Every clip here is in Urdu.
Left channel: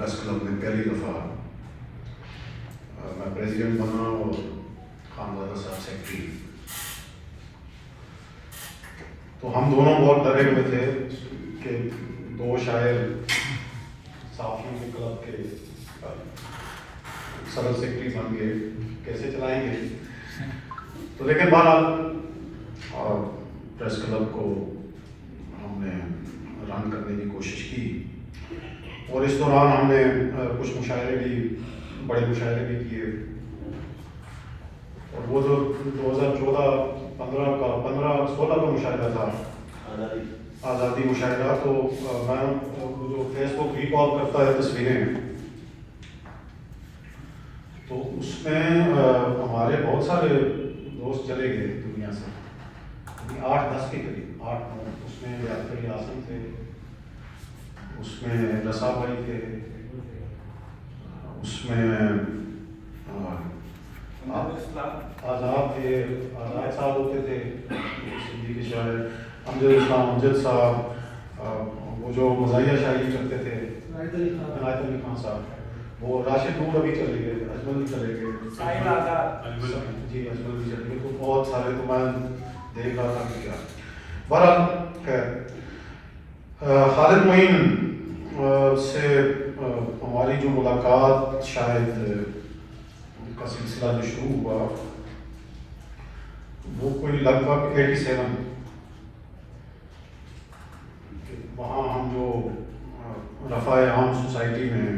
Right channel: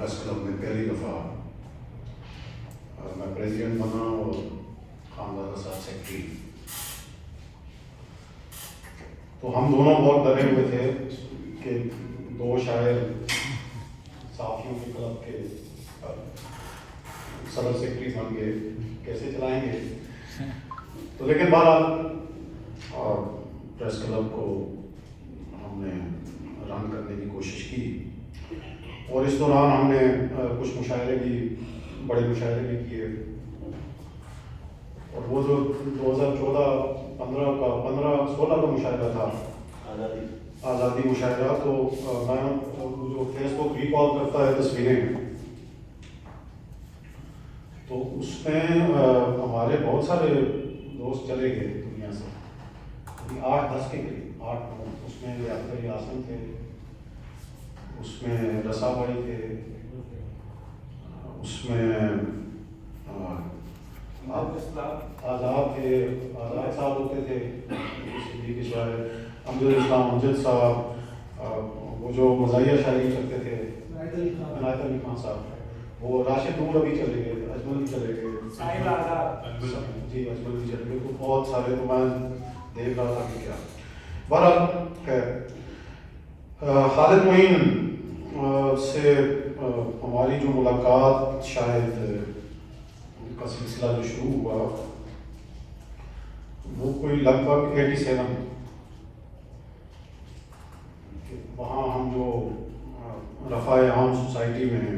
پریس کلب میں پہلی دفعہ میں پریزیڈنٹ بنا اور خانزادہ صاحب سیکرٹری. تو ہم دونوں بہت ڈرے ہوئے تھے کہ دو شاعر صحافیوں کے کلب کے صدر سیکرٹری بن کے کیسے چلائیں گے. تو لیکن بہرحال پریس کلب کو ہم نے رن کرنے کی کوشش کی اور اس دوران ہم نے کچھ مشاعرے بھی بڑے مشاعرے بھی کیے. اور وہ جو 2014-15 کا مشاعرہ تھا آزادی مشاعرہ, تو میں جو فیس بک ریکال کرتا ہے تصویریں, تو اس میں ہمارے بہت سارے دوست چلے گئے دنیا سے, 8-10 کے قریب 8-9. اس میں یاسر یاسین تھے, اس میں رسا بھائی تھے, اس میں آزاد تھے, آزاد صاحب ہوتے تھے سندھی کے شاعر, امجد صاحب, وہ جو مزاحیہ شاعری کرتے تھے عنایت علی خان صاحب, وہ راشد نور ابھی چلے گئے, اجمل بھی چلے گئے, جی اجمل بھی چلے گئے. تو بہت سارے, تو میں دیکھ رہا تھا کہ کیا. بہرحال خالد معین سے ہماری جو ملاقات شاید کا سلسلہ جو شروع ہوا وہ کوئی لگ بھگ 87. وہاں ہم جو رفاع عام سوسائٹی میں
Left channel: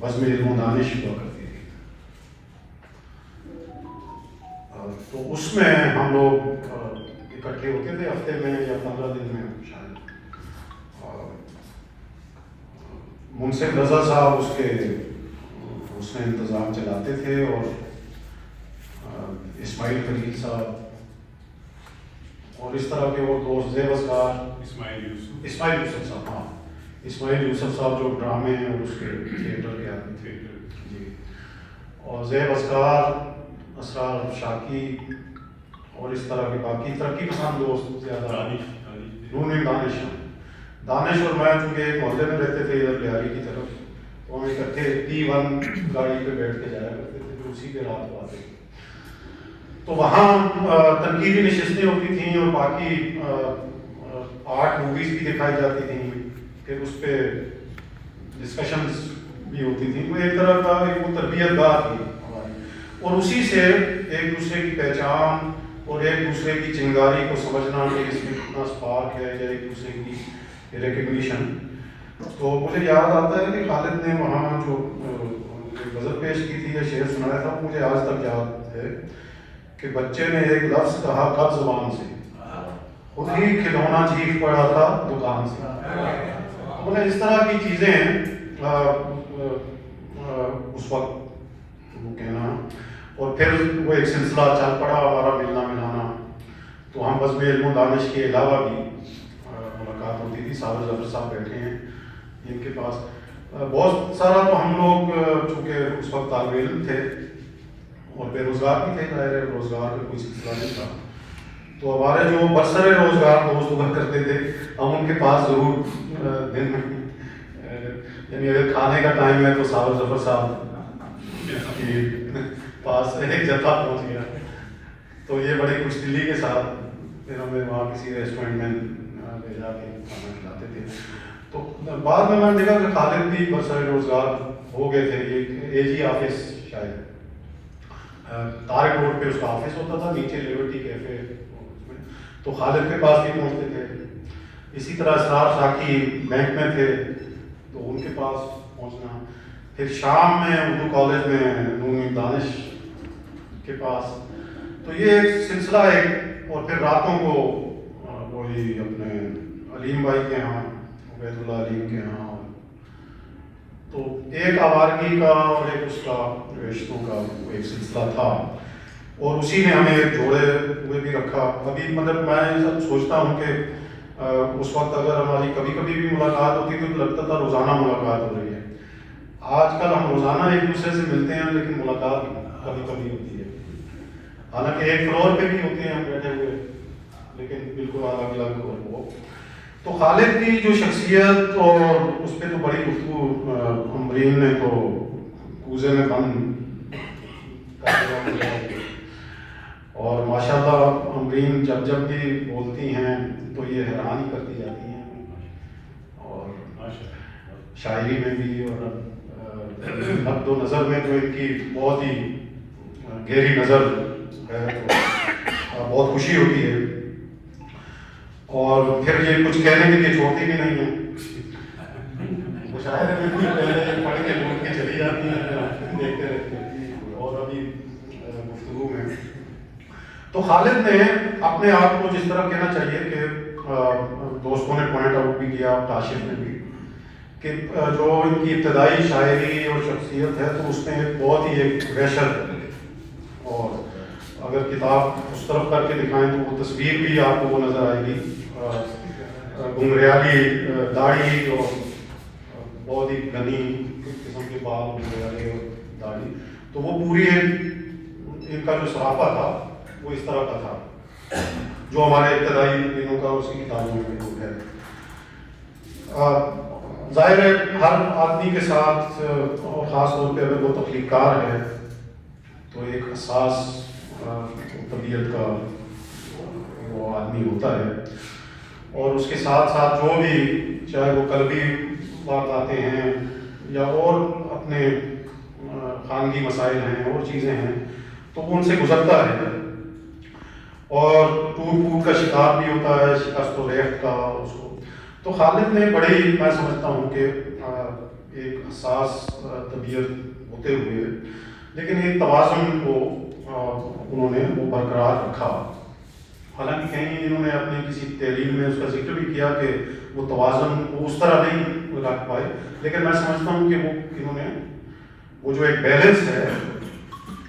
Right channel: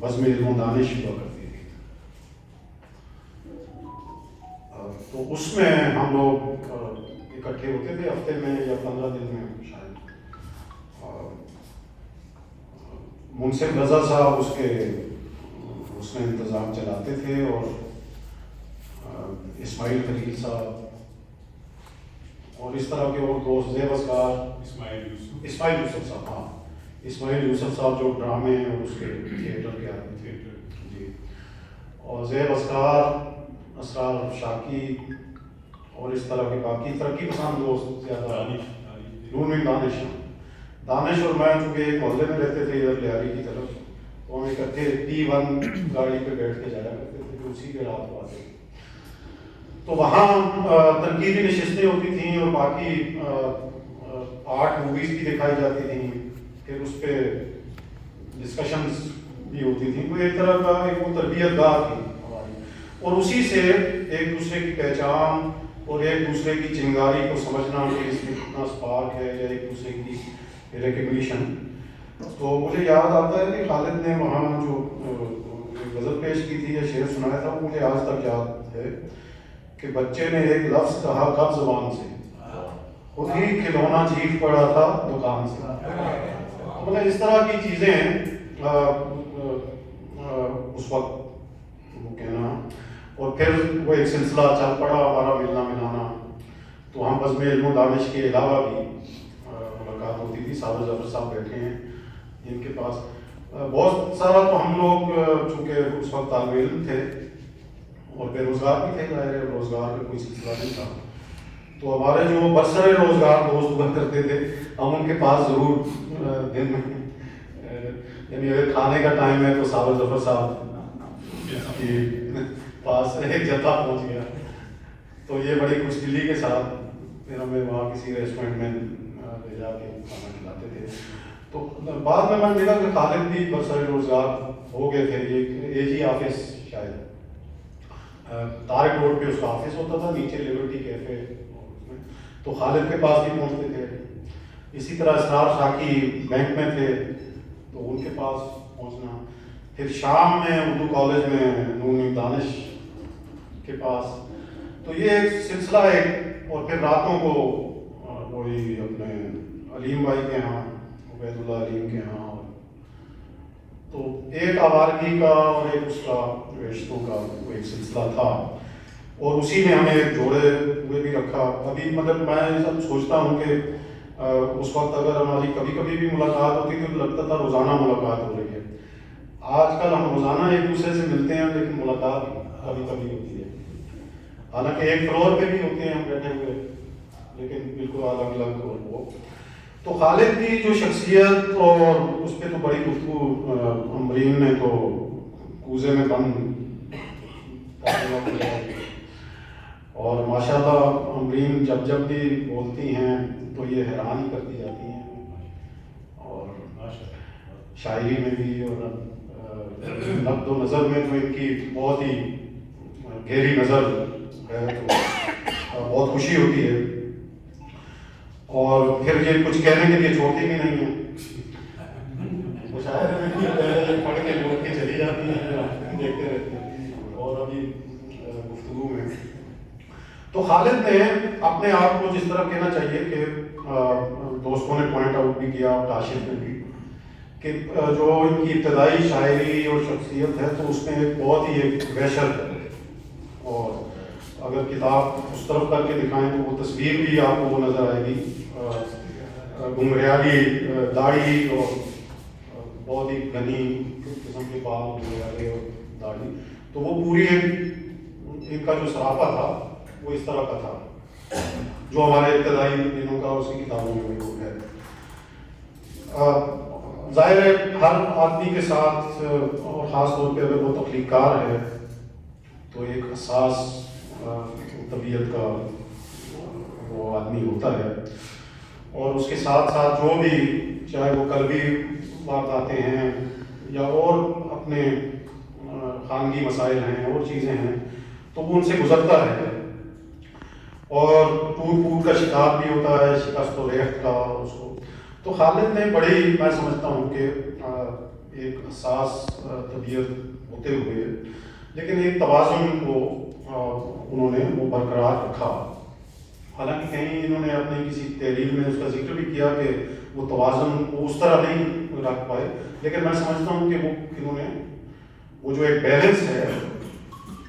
بزم علم و دانش ہوا کرتی تھی, تو اس میں ہم لوگ اکٹھے ہوتے تھے ہفتے میں یا 15 دن میں شاید. منصف رضا صاحب اس میں انتظام چلاتے تھے, اور اسماعیل خلیل صاحب اور اس طرح کے اور دوست, زیب اسکار, اسماعیل یوسف صاحب, ہاں اسماعیل یوسف صاحب جو ڈرامے اور اس کے تھیٹر کے آدمی تھے, جی, اور زیب اسکار, اسرار شاکی اور اس طرح کے باقی ترقی پسند دوست زیادہ, دانش اور میں چونکہ ایک محلے میں رہتے تھے ادھر بہاری کی طرف, تو ہم اکٹھے T1 گاڑی پہ بیٹھ کے جایا کرتے تھے, پھر اسی کے رات کو آتے. تو وہاں تنقیدی نشستیں ہوتی تھیں اور باقی 8 موویز بھی دکھائی جاتی تھیں, پھر اس پہ ڈسکشنز بھی ہوتی تھیں. وہ ایک طرح کا ایک تربیت گاہ تھی ہماری, اور اسی سے ایک دوسرے کی پہچان اور ایک دوسرے کی چنگاری کو سمجھنا کہ اس میں کتنا اسپارک ہے, یا ایک دوسرے کی ریکگنیشن. تو مجھے یاد آتا ہے کہ خالد نے وہاں جو غزل پیش کی تھی یا شعر سنایا تھا, مجھے آج تک یاد ہے کہ بچے نے ایک لفظ کہا کب زبان سے, خود ہی کھلونا چیخ پڑا تھا دکان سے. مطلب اس طرح کی چیزیں اس وقت وہ کہنا, اور پھر وہ ایک سلسلہ چل پڑا ہمارا ملنا ملانا. تو ہم بزم علم و دانش کے علاوہ بھی ملاقات ہوتی تھی. سارے ظفر صاحب بیٹھے ہیں ان کے پاس, بہت سارا. تو ہم لوگ چونکہ اس وقت طالب علم تھے اور بے روزگار بھی تھے, ظاہر ہے روزگار کا کوئی سلسلہ نہیں تھا, تو ہمارے جو برسر روزگار دوست ہوا کرتے تھے, ہم ان کے پاس ضرور دن میں, یعنی اگر کھانے کا ٹائم ہے تو سارے ظفر صاحب کے پاس ایک جتھا پہنچ گیا. تو یہ بڑی خوش دلی کے ساتھ پھر ہمیں وہاں کسی ریسٹورینٹ میں لے جا کے کھانا کھلاتے تھے. تو بعد میں نے دیکھا کہ خالد بھی برسر روزگار ہو گئے تھے. یہ اے جی آفس شاید طارق روڈ پہ اس کا آفس ہوتا تھا, نیچے لیبرٹی کیفے, تو خالد کے پاس بھی پہنچتے تھے. اسی طرح اسرار شاکی بینک میں تھے تو ان کے پاس پہنچنا. پھر شام میں اردو کالج میں نون دانش کے پاس. تو یہ سلسلہ ایک, اور پھر راتوں کو وہی اپنے علیم بھائی کے یہاں, عبید اللہ علیم کے یہاں. تو ایک آوارگی کا اور ایک اس کا رشتوں کا ایک سلسلہ تھا, اور اسی میں ہمیں ایک جوڑے ہوئے بھی رکھا. ابھی مطلب میں سب سوچتا ہوں کہ اس وقت اگر ہماری کبھی کبھی بھی ملاقات ہوتی تو لگتا تھا روزانہ ملاقات ہو رہی ہے. آج کل ہم روزانہ ایک دوسرے سے ملتے ہیں لیکن ملاقات کبھی کبھی ہوتی ہے. حالانکہ ایک فلور پہ بھی ہوتے ہیں ہم بیٹھے ہوئے, لیکن بالکل الگ الگ ہو. تو خالد کی جو شخصیت اور اس پہ تو بڑی گفتگو امرین نے تو کوزے میں بند کر دیا، اور ماشاءاللہ امرین جب بھی بولتی ہیں تو یہ حیران ہی کرتی جاتی ہیں، اور شاعری میں بھی اور نقد و نظر میں تو ان کی بہت ہی گہری نظر ہے، تو بہت خوشی ہوتی ہے، اور پھر یہ کچھ کہنے کے لیے چھوڑتی بھی نہیں ہے، شاعر پڑھ کے لوگ کی چلی جاتی ہیں، دیکھتے رہتے ہیں، اور ابھی گفتگو میں تو خالد نے اپنے آپ کو جس طرح کہنا چاہیے کہ دوستوں نے پوائنٹ آؤٹ بھی کیا، کاشف نے بھی، کہ جو ان کی ابتدائی شاعری اور شخصیت ہے تو اس میں ایک بہت ہی ایک وحشت ہے، اور اگر کتاب اس طرف کر کے دکھائیں تو وہ تصویر بھی آپ کو وہ نظر آئے گی، گمریالی داڑھی اور بہت ہی گھنی قسم کے بال گمریالے اور داڑھی، تو وہ پوری ان کا جو صحافہ تھا وہ اس طرح کا تھا جو ہمارے ابتدائی دنوں کا اسی کتابوں میں ہے۔ ظاہر ہے ہر آدمی کے ساتھ اور خاص طور پہ اگر وہ تخلیق کار ہے تو ایک حساس طبیعت کا وہ آدمی ہوتا ہے، اور اس کے ساتھ ساتھ جو بھی چاہے وہ قلبی واقعاتے ہیں یا اور اپنے خانگی مسائل ہیں اور چیزیں ہیں تو وہ ان سے گزرتا ہے، اور ٹوٹ کا شکار بھی ہوتا ہے، شکست و ریخت کا اس کو۔ تو خالد نے بڑے ہی میں سمجھتا ہوں کہ ایک حساس طبیعت ہوتے ہوئے لیکن ایک توازن کو انہوں نے وہ برقرار رکھا، حالانکہ کہیں انہوں نے اپنی کسی تحریر میں اس کا ذکر بھی کیا کہ وہ توازن کو اس طرح نہیں رکھ پائے، لیکن میں سمجھتا ہوں کہ وہ انہوں نے وہ جو ایک بیلنس ہے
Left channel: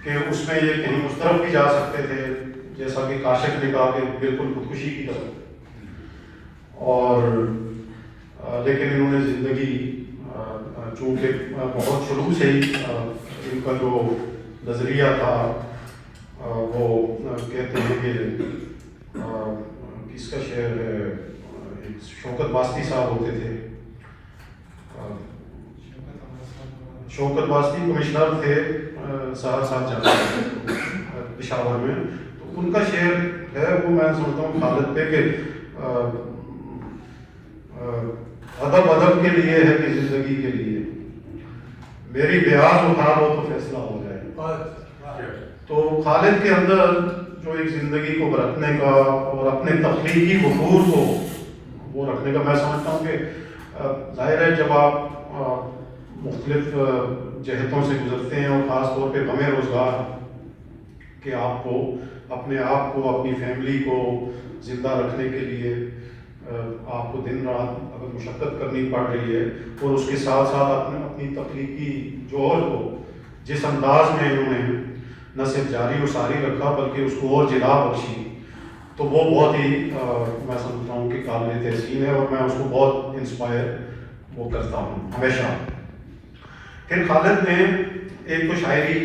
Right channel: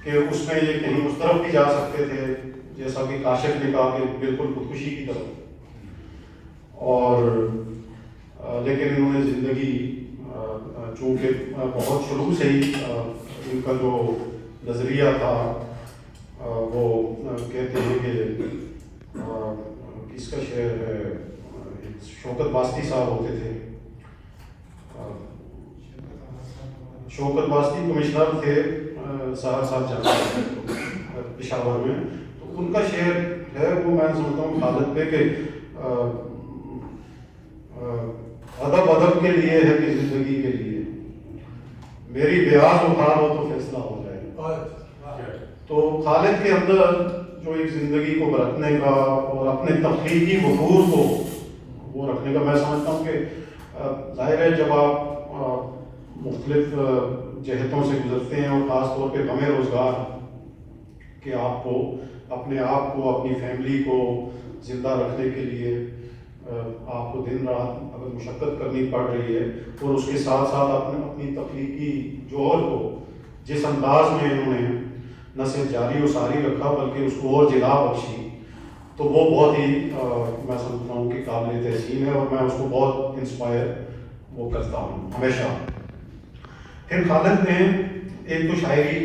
کہ اس میں یہ کہیں اس طرف بھی جا سکتے تھے جیسا کہ کاشف نے کہا کہ بالکل خودکشی کی طرف، اور لیکن انہوں نے زندگی چونکہ بہت شروع سے ہی ان کا جو نظریہ تھا وہ کہتے ہیں کہ کس کا شعر ہے، شوکت واسطی صاحب ہوتے تھے، شوکت واسطی کمشنر تھے سہرسہ جانا پشاور میں، تو ان کا شعر ہے وہ میں سمجھتا ہوں خالد پہ کہ ادب کے لیے ہے کہ زندگی کے لیے میری بیاض اٹھا لو تو فیصلہ ہو جائے۔ تو خالد کے اندر جو ایک زندگی کو برتنے کا اور اپنے تخلیقی وقور کو وہ رکھنے کا، میں سمجھتا ہوں کہ ظاہر ہے جب آپ مختلف جہتوں سے گزرتے ہیں اور خاص طور پہ غم روزگار کہ آپ کو اپنے آپ کو اپنی فیملی کو زندہ رکھنے کے لیے آپ کو دن رات اگر مشقت کرنی پڑ رہی ہے، اور اس کے ساتھ ساتھ اپنی تخلیقی جوہر کو جس انداز میں انہوں نے نہ صرف جاری و ساری رکھا بلکہ اس کو اور جلا بخشی، تو وہ بہت ہی میں سمجھتا ہوں کہ قابل تحسین ہے، اور میں اس کو بہت انسپائر وہ کرتا ہوں ہمیشہ۔ پھر خالد نے ایک تو شاعری،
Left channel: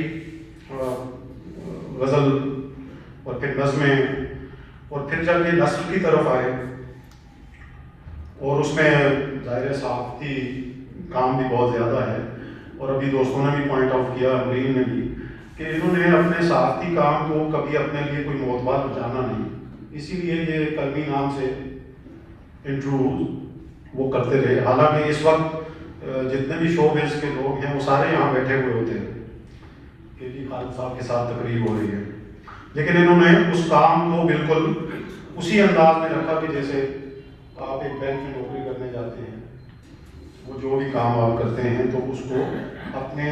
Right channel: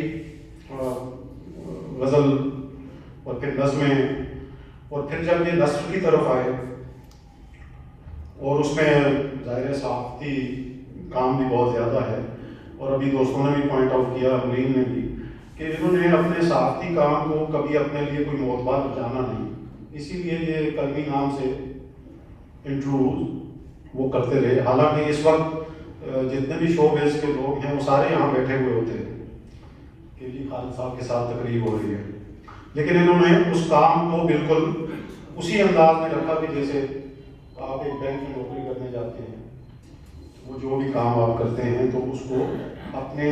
غزل، اور پھر نظمیں، اور پھر جب یہ نثر کی طرف آئے اور اس میں ظاہر صحافتی کام بھی بہت زیادہ ہے، اور ابھی دوستوں نے بھی پوائنٹ آؤٹ کیا، امرین نے بھی، کہ انہوں نے اپنے صحافتی کام کو کبھی اپنے لیے کوئی معتبر جانا نہیں، اسی لیے یہ قلمی نام سے انٹرویو وہ کرتے رہے، حالانکہ اس وقت جتنے بھی شو بیس کے لوگ ہیں وہ سارے یہاں بیٹھے ہوئے ہوتے ہیں کہ جی خالد صاحب کے ساتھ تقریر ہو رہی ہے، لیکن انہوں نے اس کام کو بالکل اسی انداز میں رکھا کہ جیسے آپ ایک بینک میں نوکری کرنے جاتے ہیں، وہ جو بھی کام آپ کرتے ہیں تو اس کو اپنے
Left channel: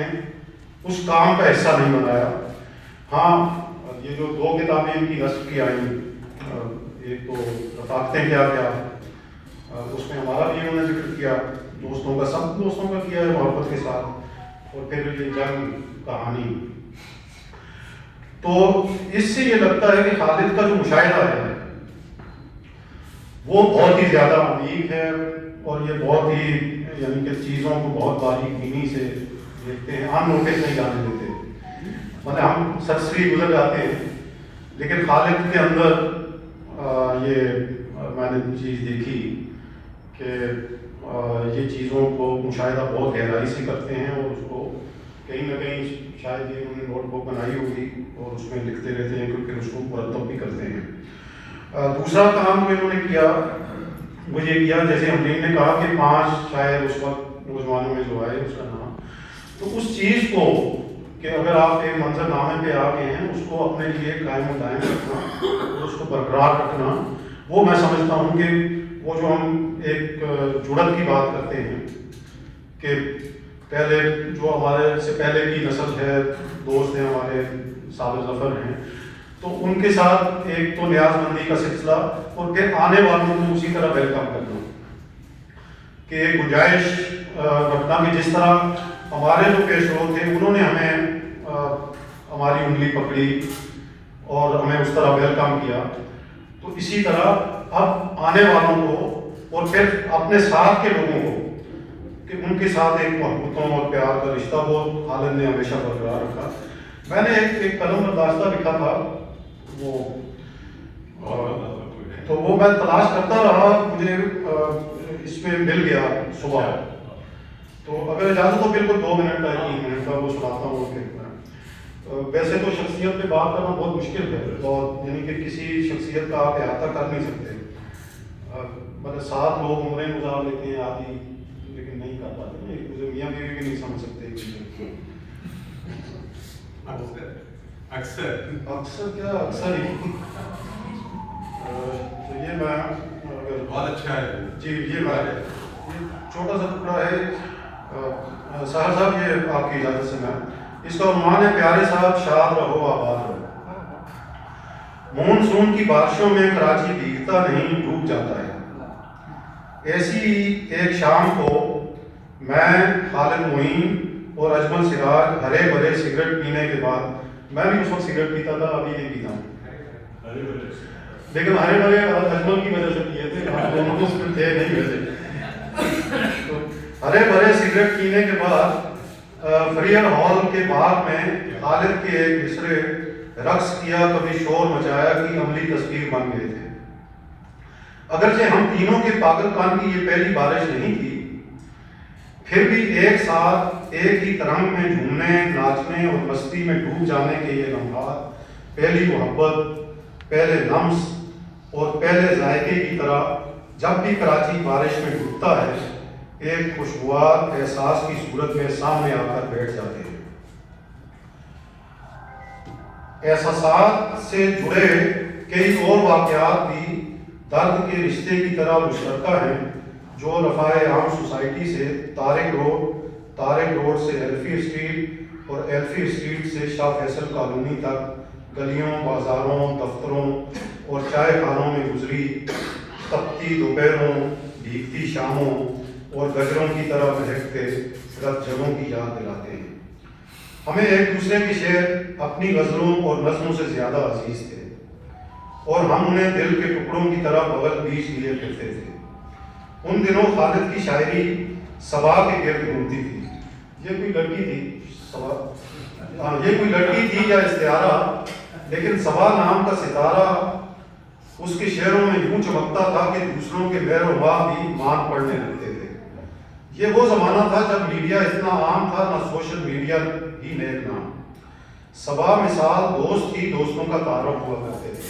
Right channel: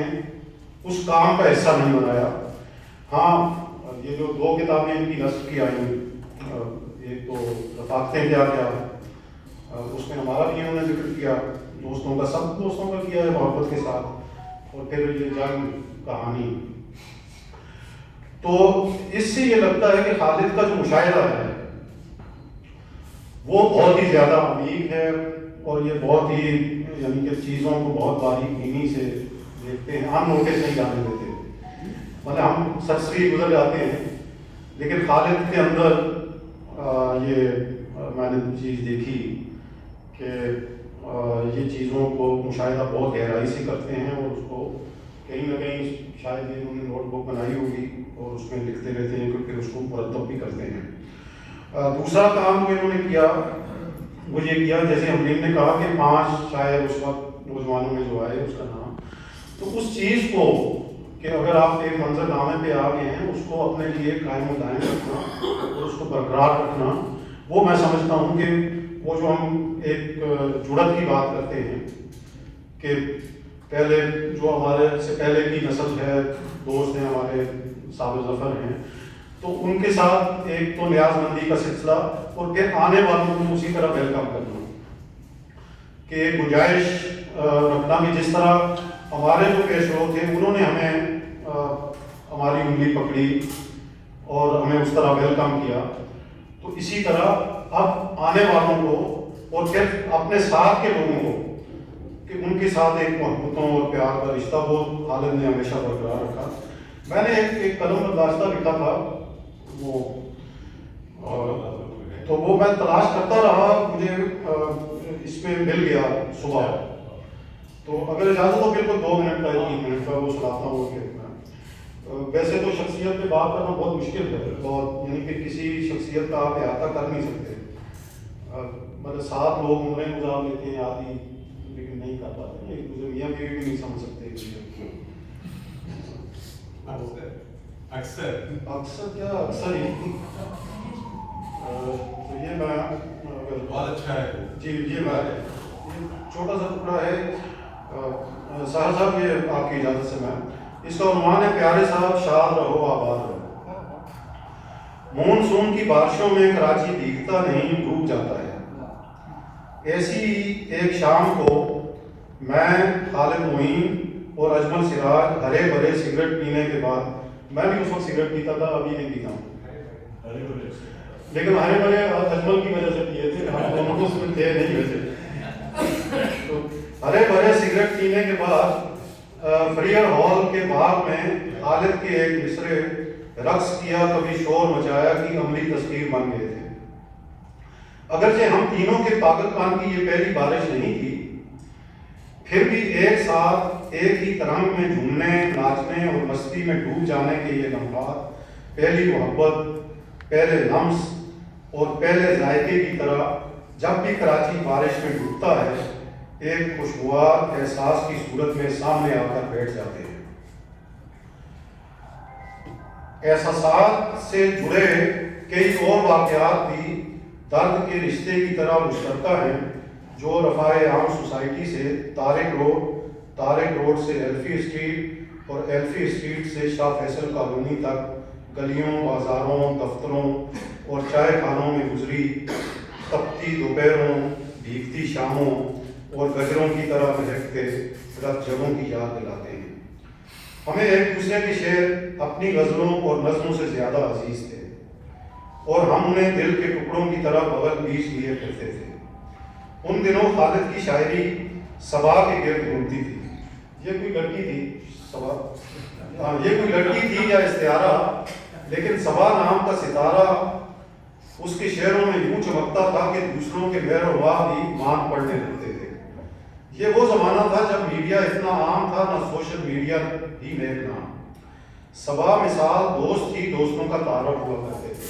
اس کام کا حصہ نہیں بنایا۔ ہاں یہ جو دو کتابیں ان کی نثر کی آئیں، ایک تو رفاقتیں کیا اس میں ہمارا بھی انہوں نے ذکر کیا، دوستوں کا، سب دوستوں کا کیا ہے محبت کے ساتھ، اور پھر یہ جنگ کہانی، تو اس سے یہ لگتا ہے کہ خالد کا جو مشاہدہ ہے وہ بہت ہی زیادہ عمیق ہے، اور یہ بہت ہی یعنی کہ چیزوں کو بہت باریک بینی سے دیکھتے ہیں، ہم نوٹس نہیں جانے دیتے، مطلب ہم سرسری گزر جاتے ہیں، لیکن خالد کے اندر یہ میں نے چیز دیکھی کہ یہ چیزوں کو مشاہدہ بہت گہرائی سے کرتے ہیں اور اس کو کہیں نہ کہیں شاید یہ انہوں نے نوٹ بک بنائی ہوگی اور اس میں لکھتے رہتے ہیں کیونکہ اس کو مرتب بھی کرتے ہیں۔ دوسرا کام جو انہوں نے کیا وہ یہ کیا، جیسے حمدین نے کہا کہ 5 شاعر اس وقت نوجوانوں میں جو آئے اس کا نام، تو اس چیز کو کہ اگر آپ ایک منظر نامے پہ آ گئے ہیں اس کو اپنے لیے قائم و دائم رکھنا اور اس کو برقرار رکھنا، وہ میں سمجھتا ہوں کہ وہ جو ہم ایک جڑت کی بات کرتے ہیں کہ پہلے جو ہمارے سے پہلے کی نسل ہے، دوست ہیں ہمارے، صابر ظفر ہیں، تو ان کے ساتھ ایک تو نیاز مندی کا سلسلہ اور پھر آنے والوں کو اسی طرح ویلکم کرنا کہ ایک گنجائش رکھنا کہ جس طرح ہمارے جو پیشرو تھے انہوں نے ہمیں ہماری انگلی پکڑی اور ہمیں اس طرح ویلکم کیا، تو اسی طرح اب آنے والوں کو اور پھر اپنے ساتھ کے لوگوں کو کہ ان کے ساتھ ایک محبتوں اور پیار کا رشتہ بہت خالد نے ہمیشہ برقرار رکھا۔ میں نے ایک قلم پر داستہ لکھا تھا وہ، تو وہ میں تلاش کرتا رہا، مجھے اس میں مل گیا صبح، تو اگر اجازت ہو بالکل 2 منٹ کا 3 منٹ کا وہ سناتا ہوں۔ ویسے تو شخصیت پہ بات کرنا بہت مشکل ہے اور یعنی کہ کسی شخصیت کا آپ احاطہ کر نہیں سکتے، مطلب 7 لوگ عمریں گزار لیتے ہیں آدھی، لیکن نہیں کر پاتے، ایک دوسرے میاں بیوی بھی نہیں سمجھ سکتے اکثر کیا اکثر ہی۔ تو یہ میں بہت اچھا ہے جی، یہ بات ہے، چھوٹا سا ٹکڑا ہے ساحر صاحب، یہ آپ کی اجازت سے میں اس کا عنوان ہے پیارے صاحب شاد رہو آباد رہو۔ مونسون کی بارشوں میں کراچی بھیگتا نہیں ڈوب جاتا ہے، ایسی ایک شام کو میں، خالد معین اور اجمل سراج ہرے بھرے سگریٹ پینے کے بعد، میں بھی اس وقت سگریٹ پیتا تھا، ابھی نہیں پیتا ہوں، لیکن ہرے بھرے اجمل کی وجہ سے پیے تھے، ہم دونوں اس میں تھے نہیں ویسے، تو ہرے بھرے سگریٹ پینے کے بعد فریئر ہال کے باہر میں خالد کے ایک مصرے رقص کیا کبھی شور مچایا کی عملی تصویر بن گئے تھے۔ اگرچہ ہم تینوں کے پاگل پان کی یہ پہلی بارش نہیں تھی، پھر بھی ایک ساتھ ایک ہی ترنگ میں جھومنے، ناچنے اور مستی میں ڈوب جانے کے یہ لمحات پہلی محبت، پہلے لمس اور پہلے ذائقے کی طرح جب بھی کراچی بارش میں ڈوبتا ہے ایک خوشگوار احساس کی صورت میں سامنے آ کر بیٹھ جاتے ہیں۔ احساسات سے جڑے کئی اور واقعات بھی درد کے رشتے کی طرح مشترکہ ہیں جو رفاع عام سوسائٹی سے طارق روڈ سے ایلفی اسٹریٹ اور ایلفی اسٹریٹ سے شاہ فیصل کالونی تک گلیوں، بازاروں، دفتروں اور چائے خانوں میں گزری تپتی دوپہروں، بھیگتی شاموں اور گجروں کی طرح مہکتے رت جگہوں کی یاد دلاتے ہیں۔ ہمیں ایک دوسرے کے شعر اپنی غزلوں اور نظموں سے زیادہ عزیز تھے اور ہم انہیں دل کے ٹکڑوں کی طرح بغل بیچ لیے کرتے تھے۔ ان دنوں خالد کی شاعری صبا کے گرد گھومتی تھی۔ یہ کوئی لڑکی تھی صبا، یہ کوئی لڑکی تھی یا استعارہ، لیکن صبا نام کا ستارہ اس کے شعروں میں یوں چمکتا تھا کہ دوسروں کے مہر و واہ بھی مان پڑنے لگتے تھے۔ یہ وہ زمانہ تھا جب میڈیا اتنا عام تھا، نہ سوشل میڈیا ہی نیک نام۔ صبا مثال دوست ہی دوستوں کا تعارف ہوا کرتے تھے۔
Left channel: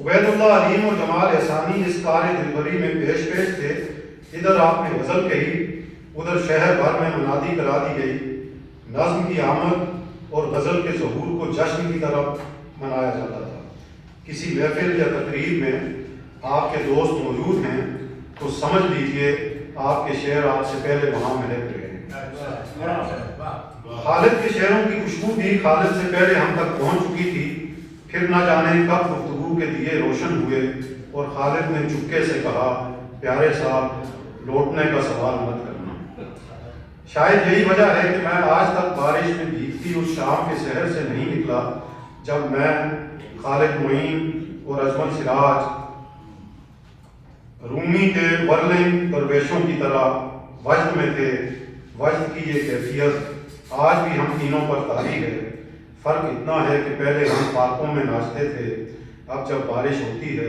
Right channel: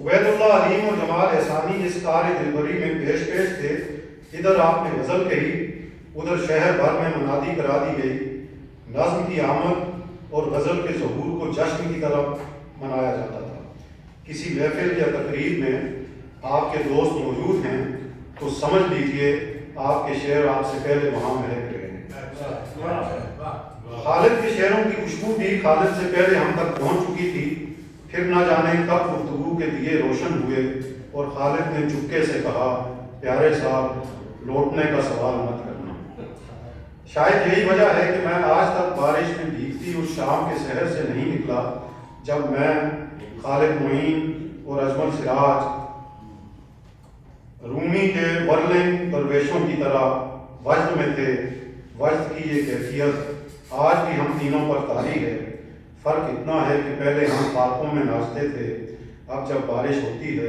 عبید اللہ علیم اور جمال احسانی اس کار دلبری میں پیش تھے۔ ادھر آپ نے غزل کہی، ادھر شہر بھر میں منادی کرا دی گئی۔ نظم کی آمد اور غزل کے ظہور کو جشن کی طرح منایا جاتا تھا۔ کسی محفل یا تقریب میں آپ کے دوست موجود ہیں تو سمجھ لیجئے آپ کے شعر آپ سے پہلے وہاں مہک رہے ہیں۔ خالد کے شعروں کی خوشبو بھی خالد سے پہلے ہم تک پہنچ چکی تھی۔ پھر نہ جانے کب گفتگو کے دیے روشن ہوئے اور خالد نے چپکے سے کہا، پیارے صاحب لوٹنے کا سوال مت کرنا۔ شاید یہی وجہ ہے کہ میں آج تک بارش میں بھیگتی اس شام کے شہر سے نہیں نکلا جب میں، خالد معین اور اجمل سراج رومی کے ورلنگ درویشوں کی طرح وجد میں تھے۔ وجد کی یہ کیفیت آج بھی ہم تینوں پر طاری ہے۔ فرق اتنا ہے کہ پہلے ہم پارکوں میں ناچتے تھے، اب جب بارش ہوتی ہے